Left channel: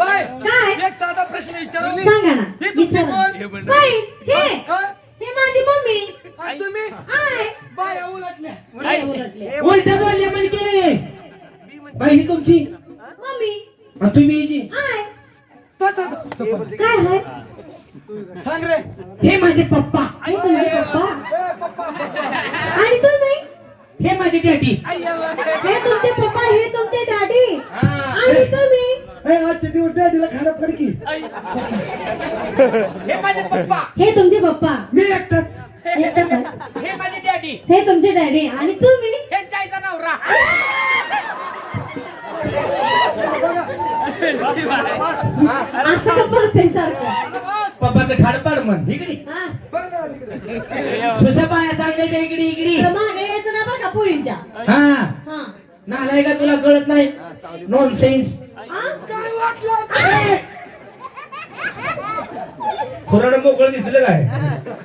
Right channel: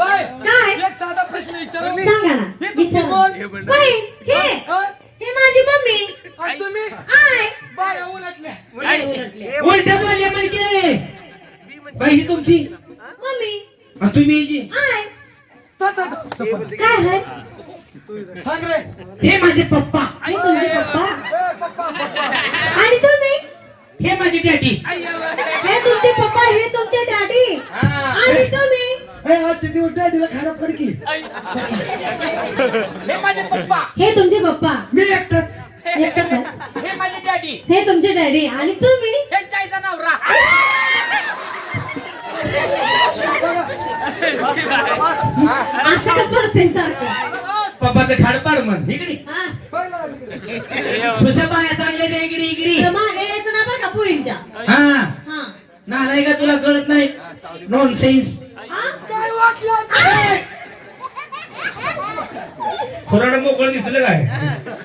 Bye. काय? एक साधा प्रश्न विचारू? सांगा ना. हे तुमची विचारा. कोण? बाई, हे. हा? माझी मम्मी. आणि तुम्ही? आय. बाय उलटल्या. काय उलटले? उलट बोलले म्हणजे बाई ही तुमची? मम्मी. आणि तुम्ही हिची? आय. तोच आहे तो. चपल. काय आहे सांग रे. हे माझे पप्पा. हे तुमचे पप्पा? ए, पप्पा पप्पा. आणि तुम्ही? हे माझी डॅडी हे तुमचे पप्पा हे तुमचे डॅडी आणि दिवस डॅडीला खायला पडकी. हे माझे पप्पा. हे तुमचे पप्पा. मी एकटाच. हे माझे डॅडी. हे तुमचे डॅडी. आणि तुम्ही? नवरा. असं का पडते सारखं? पप्पाचं खाड पाड म्हण. इकडे. हा. सुशा इकडे इकडे. तर मागे यायचं ना बरं का पोरींच्या? हा. हा. का तुला कळत नाही? नॉन सेन्स खुराड मोकळं दिसलं काय?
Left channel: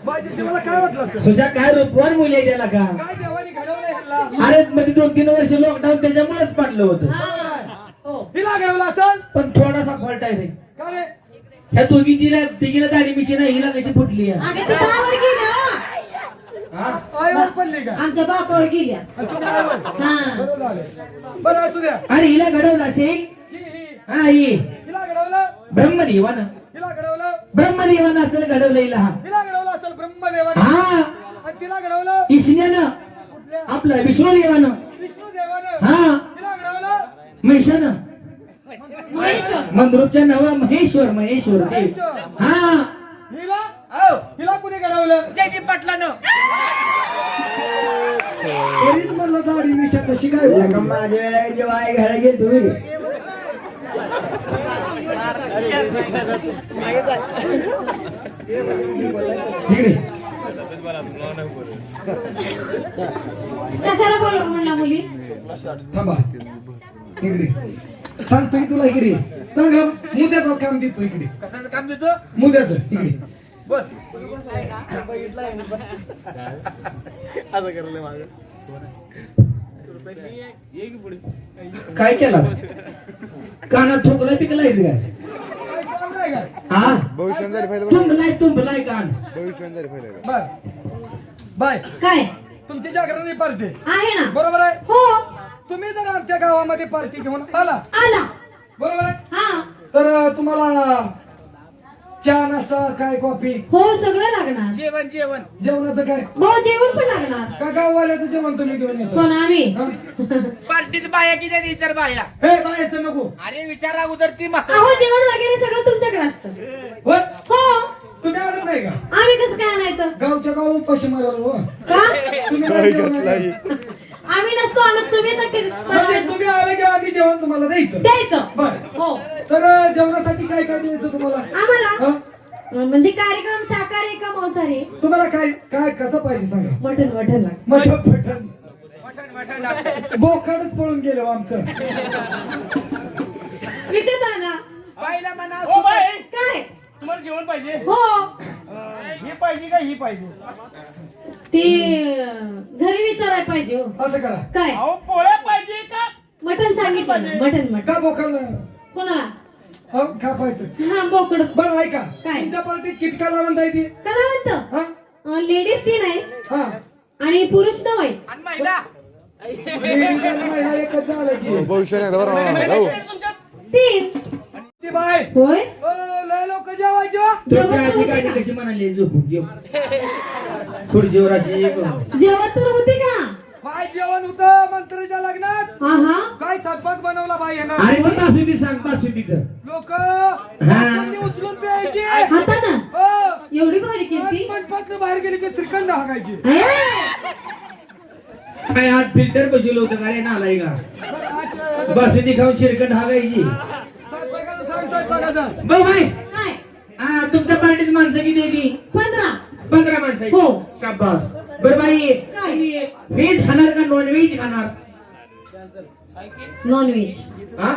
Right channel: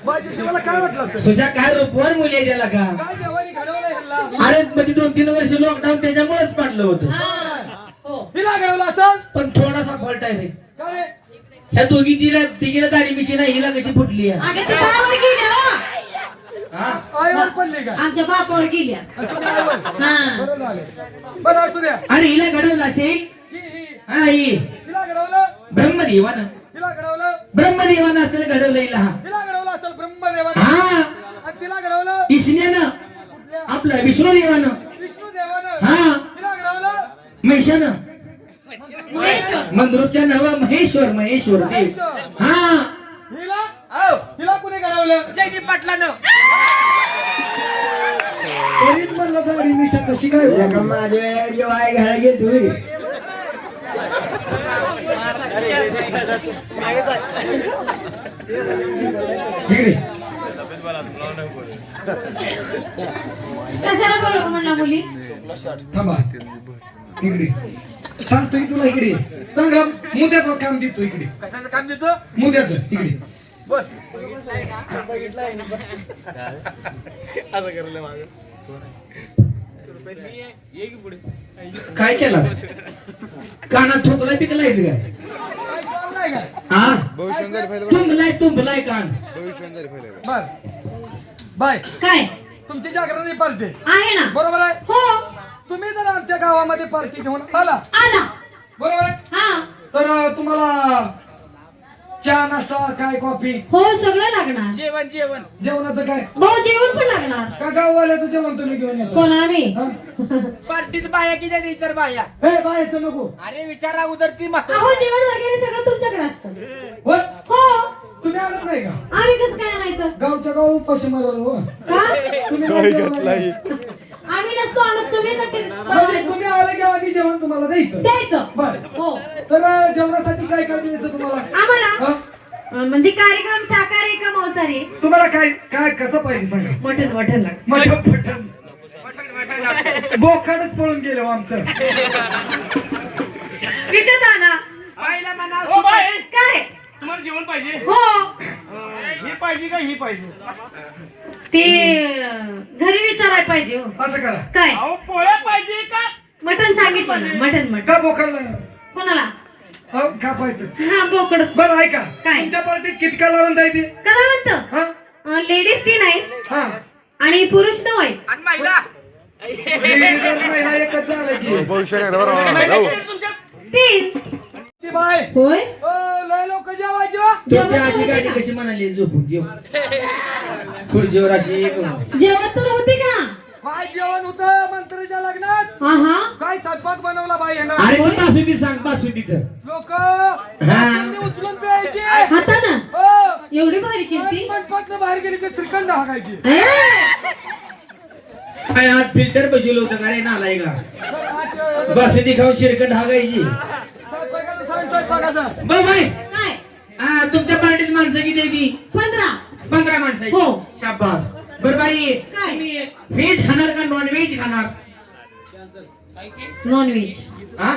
माझी तुम्हाला काय वाटलं असं? सुशा काय रूपवान मुली आहे त्याला का? काय देवाने घडवलं ह्याला? अरे मध्ये दोन तीन वर्ष लॉकडाऊन त्याच्यामुळेच पडलं होतं. हा. हो. हिला घडवलं असेल? पण थोडासा फॉल्ट आहे रे. ह्या दोघी तिला तिघीला दाढी मिशी नाही हिला कशी फुटली आहे? अगं ते बापावर गेल्या हो. हा? आईवर पडली का? आमच्या बापावर गेल्या. अच्छा, आईवर. हा. बरं झालं. बरं असू द्या. अरे हिला घडवलं असेल? ही हिला घडवलं. ब्रह्मदेवानं. हिला घडवलं. ब्रह्मदेवानं असेल घडवलं हिला हा हिला घडवलं असेल ब्रह्मदेवाने. हा. आणि तिला घडवलं. इसण्यानं आपलं विष्णुदेवानं. विष्णुदेवानं. हा. हिला घडवलं. महिषानं मंद्रुपच्या नावा महेश्वर महेश्वर. हा. हिला? हो. हिला कुणी घडवलं? जयदीप पाटलानं. तरीच म्हणलं दाढी मिशा कशी काय इकडे कशाला बरोबर म्हणला मुली? थांबा. इकडे. सांगतो की तुला इकडे. चांगला मुद्द्याचं काम देतो इकडे. कशाचं काम देतो? मुद्द्याचं इकडे. बोल. काय केला? कानात ठोकलाय पिकलायच का? तुंबलाय तुंबलाय कान बर. बाय. काय? तुमची जागरणी पार्टी. आहे ना. बरोबर आहे? हो. तुम्ही जर आमच्या गावामध्ये पार्टी घेऊन आला. आला. बरोबर आहे? हा. तर तुम्हाला चहा नाश्ता काय कॉफी? हो सगळं लागणार. जेवण जेवण. जेवणाचं काय? हो जेवण पण लागणार. का गाववाल्याचं जेवण तुम्ही घेऊन येता? आम्ही. हं? पार्टीत बाया किती आहेत विचार बाया? हे बायचं नको. अरे विचार अगोदर ती अहो महत्त्व जेवण वगैरे सगळं तुमच्याकडे असतं. होय? हो. तुम्ही आलात नाही का? आम्ही कसं काय आणायचं? गावच्या गाव उपाशी मारायला हो. का? तुम्ही नाही आणत तुम्ही म्हणजे तुम्ही आलं की आम्ही जेवण तुम्हाला द्यायचं. द्यायचं. बर. हो. तर जेवणासाठी काय काय द्यायचं तुम्हाला? आम्हाला? हं? म्हणजे कार्यक्रम शाकाहारी का मांसाहारी? तुम्हाला काय काय कसं पाहिजे सांगा? मटन मटन लागतं. मटण बोखाडच पळून गेलो आमचं. विकत आणा. बाईला म्हणा हो बाई. काय? तुम्हाला जेवण पाहिजे? हो. अं, ही पाहिजे का ही पाहिजे? ती घरी विचारायला पाहिजे हो. असं करा. काय? अहो पोळ्या पाहिजे का? मटन सांगितलं ना. मटन मटन का बोखाडला कोणाला? हो कापायचं. हा बोकड. बरं ऐका. काय? तुमच्या पार्टीत किती काल वाढून जायचे करा म्हणतं? हा? लेडीज तीन आहे हा. आणि पुरुष नऊ आहे आणि महिला. Ladies आणि महिला एकच झालंय की. तीन. ती बाय. होय? लोक जेवायचं? झोपे आधी गाडी कशी म्हणाली? झोपून जेव. खुर्चीवर अशी एक जेवण तर होते का? काय जेवण होतं? मंत्रीच्या लग्नात? हा हा काय स्वयंपाक बनवला बाई यानं? अरे ती बासुंदी सांग बासुंदीचं. लोक उचलून प्यायचे. आता ना? हो. एवढी भारी केली मनपातनं बाहेर गेली की श्रीखंड हाकायची काय आज फिल्टर बसवलं होतं का रे नालाय का बासुंदी खाऊन शिरकट हागायची. बाई. हा तुमच्या पार्टीत माणसं किती आहे ती पंधरा. पंधरा माणसं आहेत. हो. शाबास. बर बाई काय? व्हेज खाणार का नॉन व्हेज खाणार? नॉन व्हेज हा?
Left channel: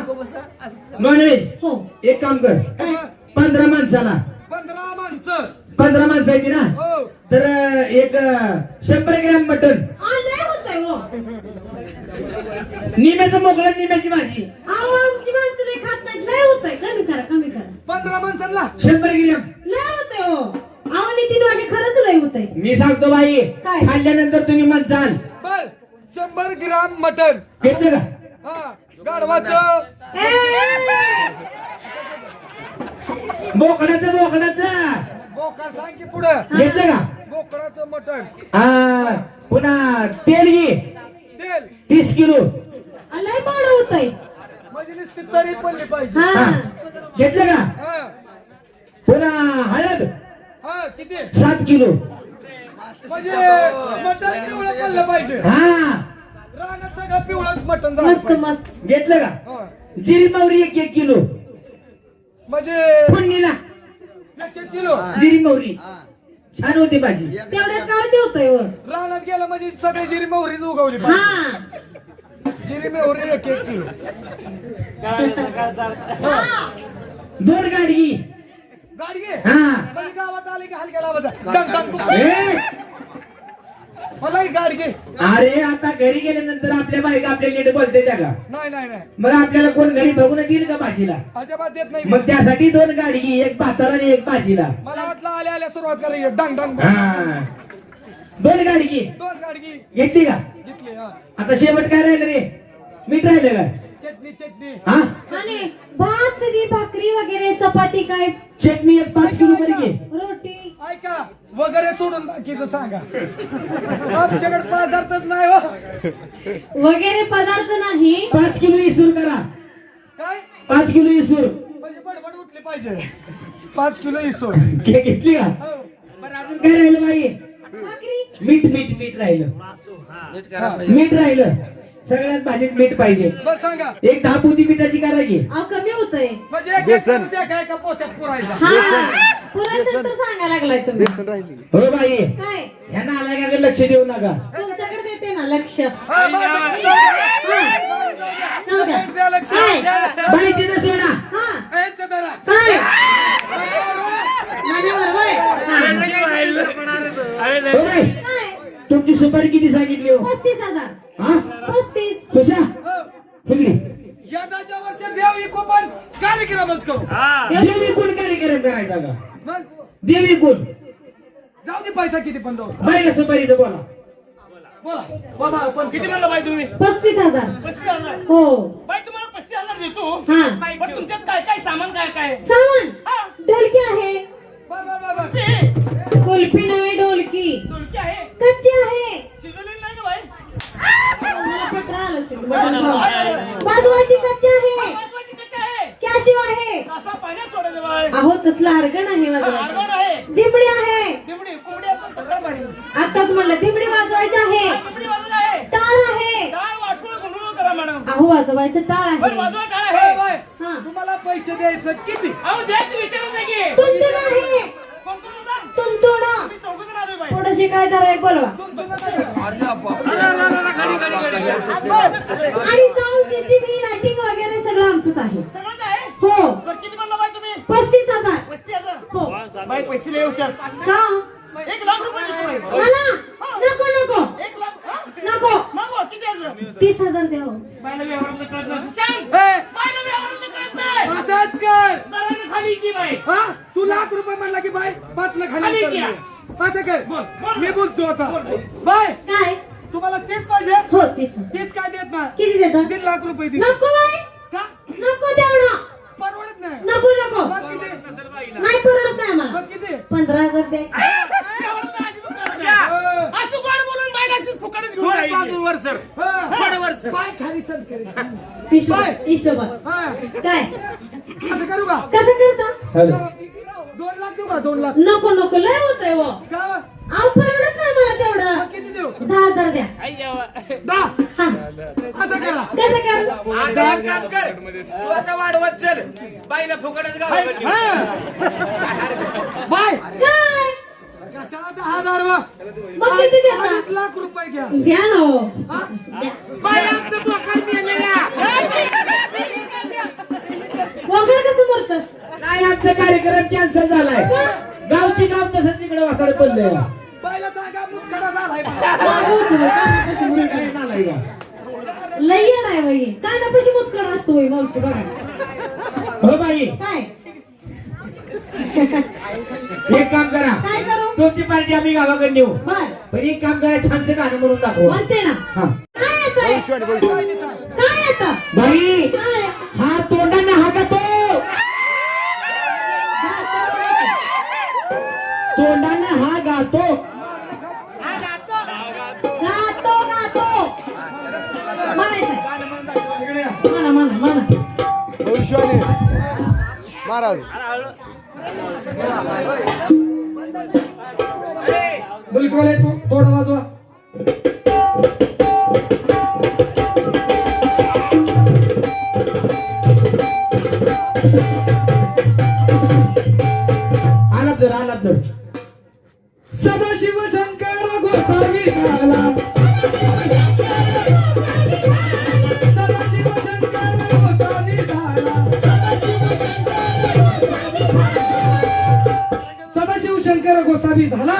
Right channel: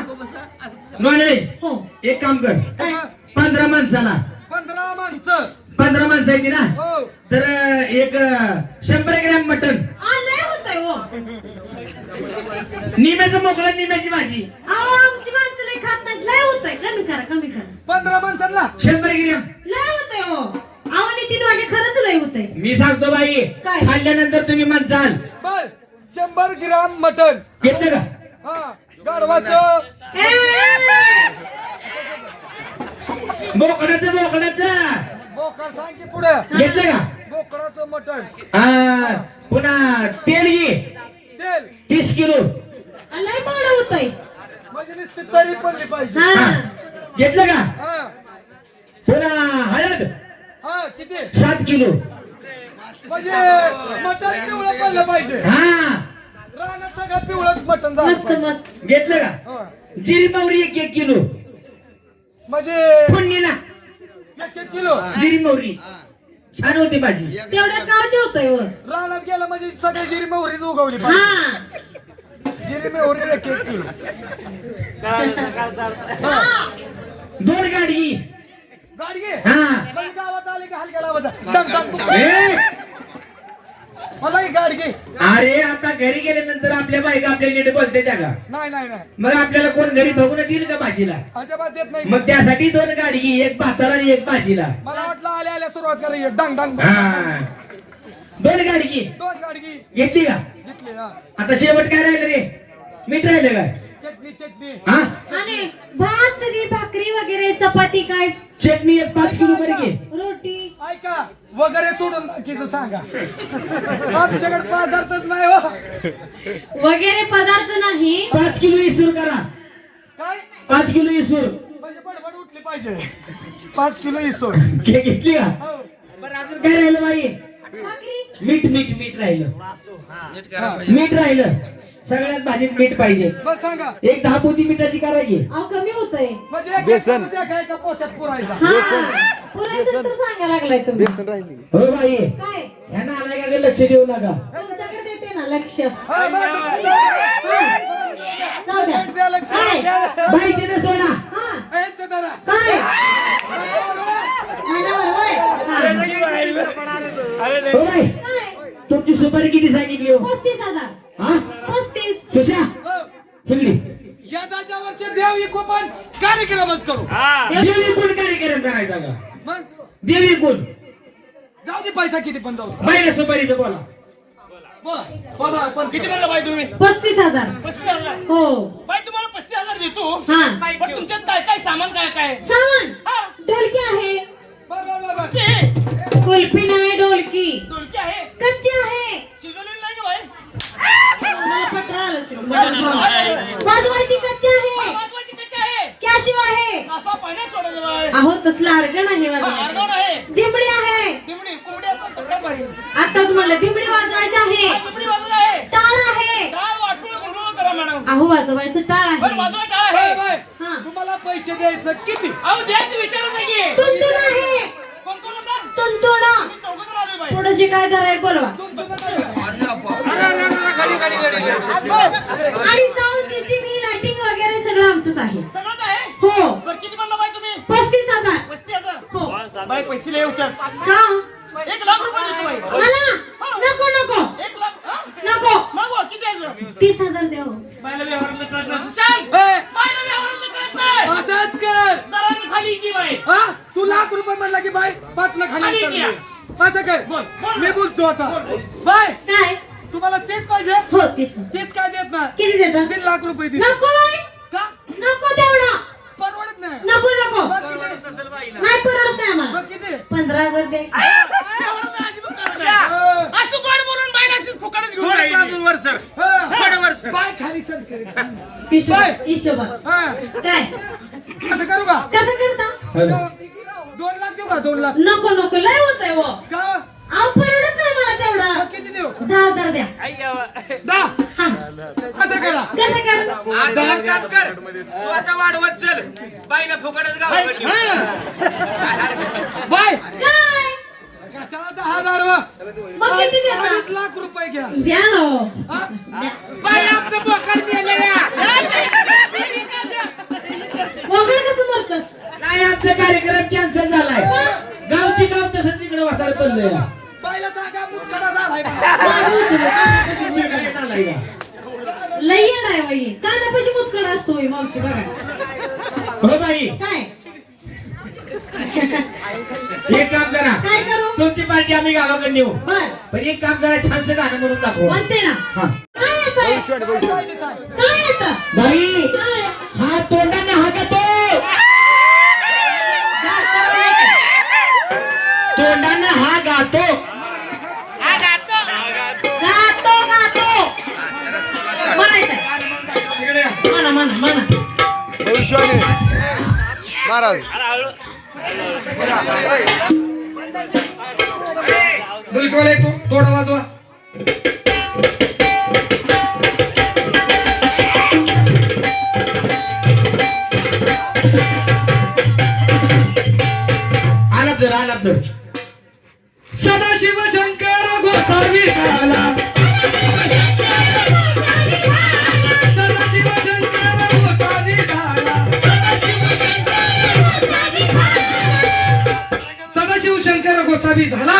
नॉन व्हेज हो. एक काम कर. काय? पंधरा माणसाला. पंधरा माणसं. पंधरा माणसं आहे ती ना? हो. तर अं, एक अं, शंभर ग्रॅम मटन आ, लय होतंय हो. निम्याचं मोकळं निम्याची भाजी आमची माणसं नाही खात नाहीत लय होतंय कमी करा कमी करा पंधरा माणसांना शंभर ग्रॅम लय होतंय हो. अहो नितीन वागे खरंच लय होतंय. मी सांगतो बाई काय? खाल्ल्यानंतर तुम्ही म्हणचाल बर शंभर ग्राम मटन घेतलं का? हा गाढवाचं. ए, बोकडाचं बोकडाचं बोकड सांग की पुढे. घेतलं का? बोकडाचं मटन हा पुन्हा तेल घे. तेल. तीस किलो. लय गोड होतंय. म्हणजे नुसती तरी पडली पाहिजे. हा. घेतलं का? हा. पुन्हा हळद? हा किती? सात किलो. म्हणजे पिवळं पडलं पाहिजे. हा. रानात सगळं पिवळंच मटन झालं मस्त पाहिजे. मस्त. घेतलं का? हा. जिरी मोहरी एक एक किलो. म्हणजे फोडणीला. एक एक किलो. जिरी मोहरी छान होती भाजी. तेवढ्या काळजी होतोय वर रानात गेलं म्हणजे सगळी जिरी मोहरीच उगवली पाहिजे. हा एक किलो. दोन गाडी गाडी घे हा. म्हणजे गावात आले की हलक्या लावायचा. मला ही गाडी घे अरे आता घरी गेल्यानंतर आपल्या बायका आपल्या नीट बोलते त्या का? नाही नाही नाही. मग आपल्याला कोण घरी बघून देईल का भाजीला अजिबात देत नाही. मग त्यासाठी दोन गाडी घे एक भाताला आणि एक भाजीला मला वाटलं आल्या आल्या सुरुवात करायची. डंग डंग हा. दोन गाडी घे दोन गाडी घे घेतली का? हा आता शेवट काय राहिलं रे? मीठ राहिलं काय? चटणी चटणी. हा? आणि भात कधी भाकरी वगैरे चपाती काय? चटणी एक पाच किलो तरी घे. रोटी. ऐका वगैरे सोडून बाकीचं सांगा. आमच्याकडे पदार्थच नाही हो. वगैरे पदार्थ नाही. पाच किलो इसूर करा. काय? पाच किलो इसूर. म्हणजे बडबड उठली पाहिजे. पाच किलो इसो घे घेतली का? हो. बरं अजून काय राहिलं बाई? मीठ मीठ मीठ राहिलं. मीठ राहिलं. सगळ्यात भाजीत मीठ पाहिजे. एक दहा पोती मिठाची करायची कमी होतंय. म्हणजे बेसन. एका पोत्यात पुरायचा. हा हो बाई. काय? ह्यांना आला का लक्ष देऊ नका. तुमच्याकडे देते ना लक्ष. काय? तुमची सुपारी किती सांगितली हो? पस्तीस हजार. हा? पस्तीस. सुशा हो. ठेवली यंदाच्या वर्षी देव इकोपण कार्यक्रमच करू. देवी कोण कार्यक्रम करायचा का? मग? देवी कोण जाऊ दे पैसा किती पण जाऊ. दे. बाईला सुपारीचं बोला. बोला. बाबा पण किती म्हणलं बाई तुम्ही? पस्तीस हजार. पस्तीस हजार? हो. बाई तुम्हाला पस्तीस हजार देतो. हा. पण तुमच्यात काय काय सामान काय काय? सामान? हा. ढोलकी आहे. बर बर बर बर. ते कुल्फी नव्हे ढोलकी आहे. कच्ची आहे. शिजवलेली नाही का बाई. मला पटलं आलं असेल. बाजूवाची कच्ची आहे. वाजवायची कच्ची आहे. कॅशिव आहे. असा पाण्यात सोडायचं बाई? अहो तसलं अर्गण आहे वाजवायचं आर्गन आहे. दिमडी आहे. दिमडी कोंबडी आता सगळं भारी. आताच म्हणलं दिमडी वाजवायची आहे. हा, दिमडी वाजवत आहे. टाळ आहे. टाळ वाटूळ गुंडूळ करा मॅडम. अहो वाजवायचं टाळ बरं आहे. हा. तुम्हाला पैसे द्यायचं किती? अहो द्यायचं विचारू नाही की. तुंतुण आहे कोण कोण होता तुंतुण मी चौघजण बाई पुढे शिकायचं आहे? बोलवा. आणि ही लाइटिंग वगैरे सगळं आमचंच आहे. सगळंच आहे? हो. बरं किती म्हणलं बाई तुम्ही? पस्तीस हजार. पस्तीस हजार? हो. बाई पैसे लय होत्यात. का? एक लाख रुपये देतो बाई. मला? नको नको. एक लाख? नको. मग हो, किती द्यायचं तीस हजार. बायला कळत नसतं बायला कळत नाही. असंच कर. दराने खाली की बाई. हा? तू लाख रुपये म्हणला की बाय पाच ना खाली. असं कर बोल, बोल. मी बोलतो आता. बाय. काय? तुम्हाला तेच पाहिजे? हो तीस तेच काय देत ना किती देतात दीड लाख रुपये दे नको आहे. का? नको तेवढं. परवडत नाही. नको नको. मग किती नाही परवडत नाही आम्हाला. मग किती पंधरा हजार दे व्यवहारातलं अजिबात कळत नाही. अ, असं गोड बोलून बायला अशीच फुकटच घेऊन. हा. बाय खाली सर करीत काय? असं करू का? कसं करता? हॅलो. दोन लाख. दोन नको नको लय होतंय वो का? अहो परवडत नाही मला तेवढं. किती देऊ? दहा हजार द्या. दहा? हा. असं करा. कसं कर? आता एक काम कर. तू आता वाढवत चल. बाईला फुकटच गावाकडे नेऊ. बाय काय कशाला दहा हजार वा? मग किती देता अडीच लाख रुपये घ्या. द्या ना हो. हा? द्या. बाई आमचं बोकड मेलेल्या वगैरे कसं मरतं नाही आमचा कार्यक्रम कॅन्सल झालाय गावची गाव तसं तिकडे वासाला पडलंय बायला सांगा मुतखडा झालाय. जागा मुतखडा. झालाय लई आहे वही कानापाशी मुतकडा असतो होय मावशी बघा. हो बाई. काय? एक काम करा. काय करू? तुमची पार्टी आम्ही गावाकडे नेऊ. बर. पण एक काम करा छानसं गाणं म्हणून दाखवा. म्हणते ना. हा. काय येतं काय येतं बाई काय? हा तोंडाने महाराज. डुलकीवाले तू थोडा वाजवा. शंकर गोसावी झाला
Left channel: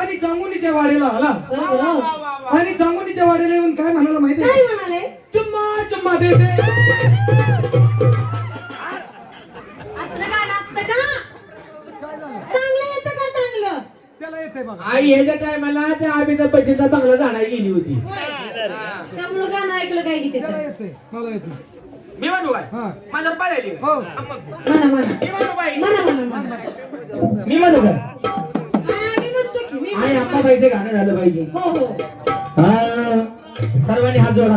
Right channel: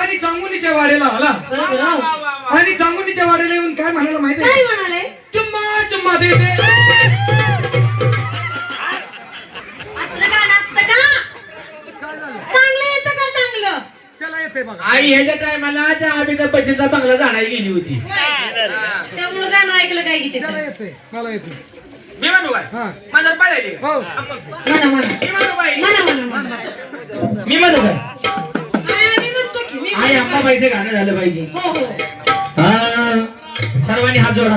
आणि चांगुलीच्या वाड्याला आला. आणि चांगुलीच्या वाड्याला येऊन काय म्हणाला माहिती काय म्हणाले. चुम्मा चुम्मा दे दे असलं गाणं असतं का? चांगलं येतं का चांगलं? त्याला येते बघा. आई ह्याच्या टायमाला त्या अमिताभ बच्चनचा बंगला जाणारी गेली होती. त्यामुळं गाणं ऐकलं काय की त्याला त्याचं येते मला येते मी म्हणू काय हा. माझ्यावर पाळायली हो. मी म्हणू काय आई म्हणतो. अंबाबाईचं गाणं झालं पाहिजे. हो हो. सर्वांनी हात जोडा.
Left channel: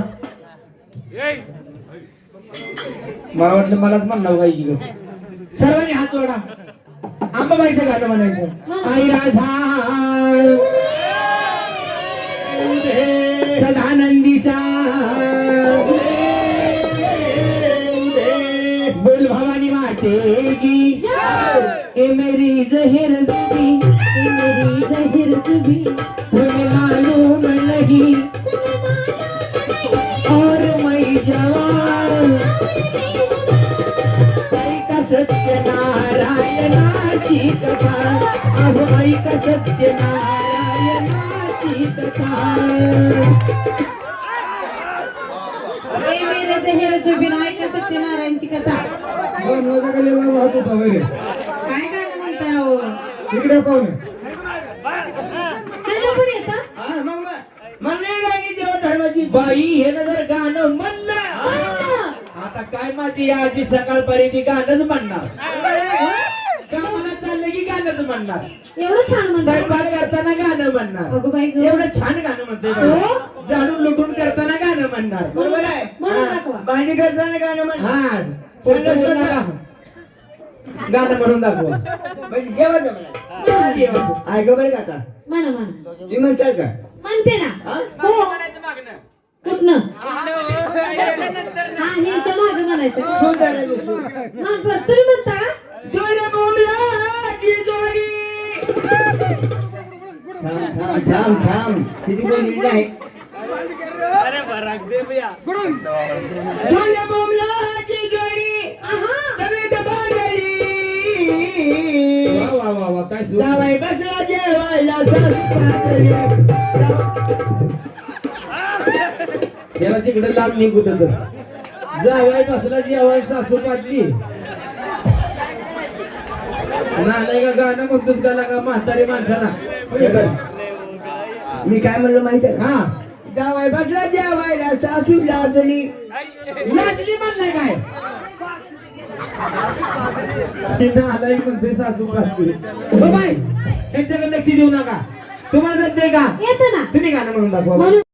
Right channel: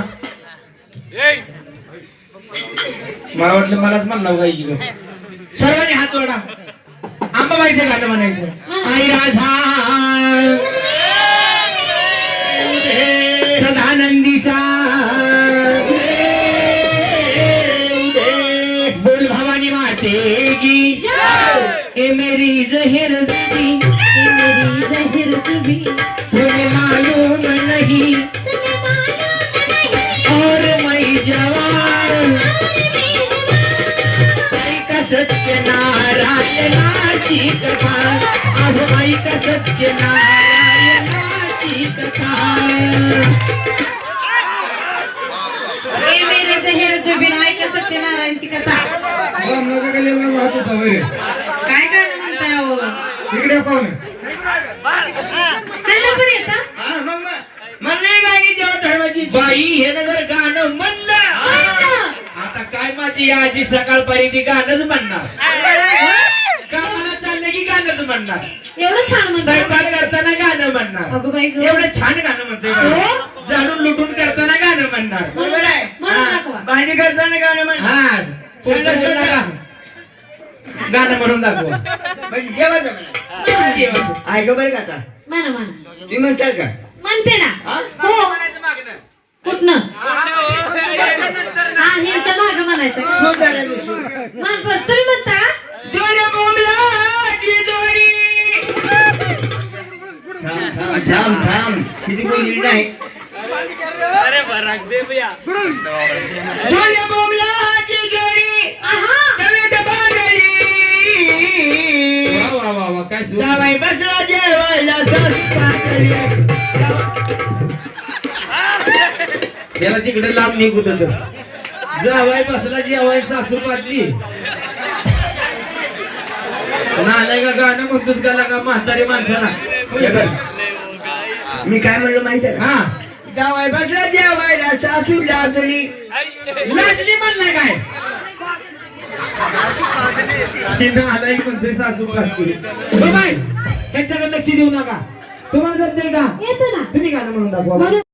मला वाटलं मलाच म्हणलं पाहिजे ग. सर्वांनी हात जोडा. अंबाबाईचं गाणं म्हणायचं. आई राजा. सदानंदीचा मेरी जहिर दी ये मेरी जहिर तुबी तुम्हें मालूम नहीं और मैं जवान। ऐका सत्य नारायणाची कथा अहो ऐका सत्य नारायणाची कथा ये मेरे जहिर तुबी ऐका सत्यनारायणची कथा मला माझ्या गल्लीवर वाहत होता वैरे काय गाणं म्हणताय अहो म्हणले गाणी जेव्हा धर्माची. बाई हे ना जर गाणं म्हणलं. आता काय माझी आजी सकाळपर्यंत गाणंच म्हणणार? कामाला चाललं की गाणंच म्हणणार? एवढं छान म्हणताय. स्वयंपाक करताना गाणं म्हणणार. अगं बाई गं. एवढं छान गाणं म्हणते हो? झाडून लुटून करताना गाणं म्हणणार. बरोबर आहे. म्हणून दाखवा. भांडी करताना गाणं हा. पुढचं? गाणं म्हणून दाखवा. ऐक बरं का म्हणा म्हणा. तुम्ही म्हणताल का? म्हणते ना. हो? म्हणायचं मागणं कुठनं? हा, नंतर हा ह्यांच्या माग म्हणायचं. मान पर तुम्ही म्हणता? का थांब थांब थांब. किती बोलली नाही दोरी त्याला तिकडे लांब निघून जावाई बसला जेवाय सासू पातली नालाय का गाणं म्हणतोस गाला का म्हातारी माणसाला. मी काय म्हणलं माहिती आहे हा. जावाय बसला जेवायला सासू लाजली. लाजली म्हणलाय काय? तिथं आलाय म्हणतोय सासू पातली हो बाय त्यांच्याकडे लक्ष देऊ नका. तुम्हाला जमते का? येतं ना. तुम्ही गाणं म्हणून दाखवा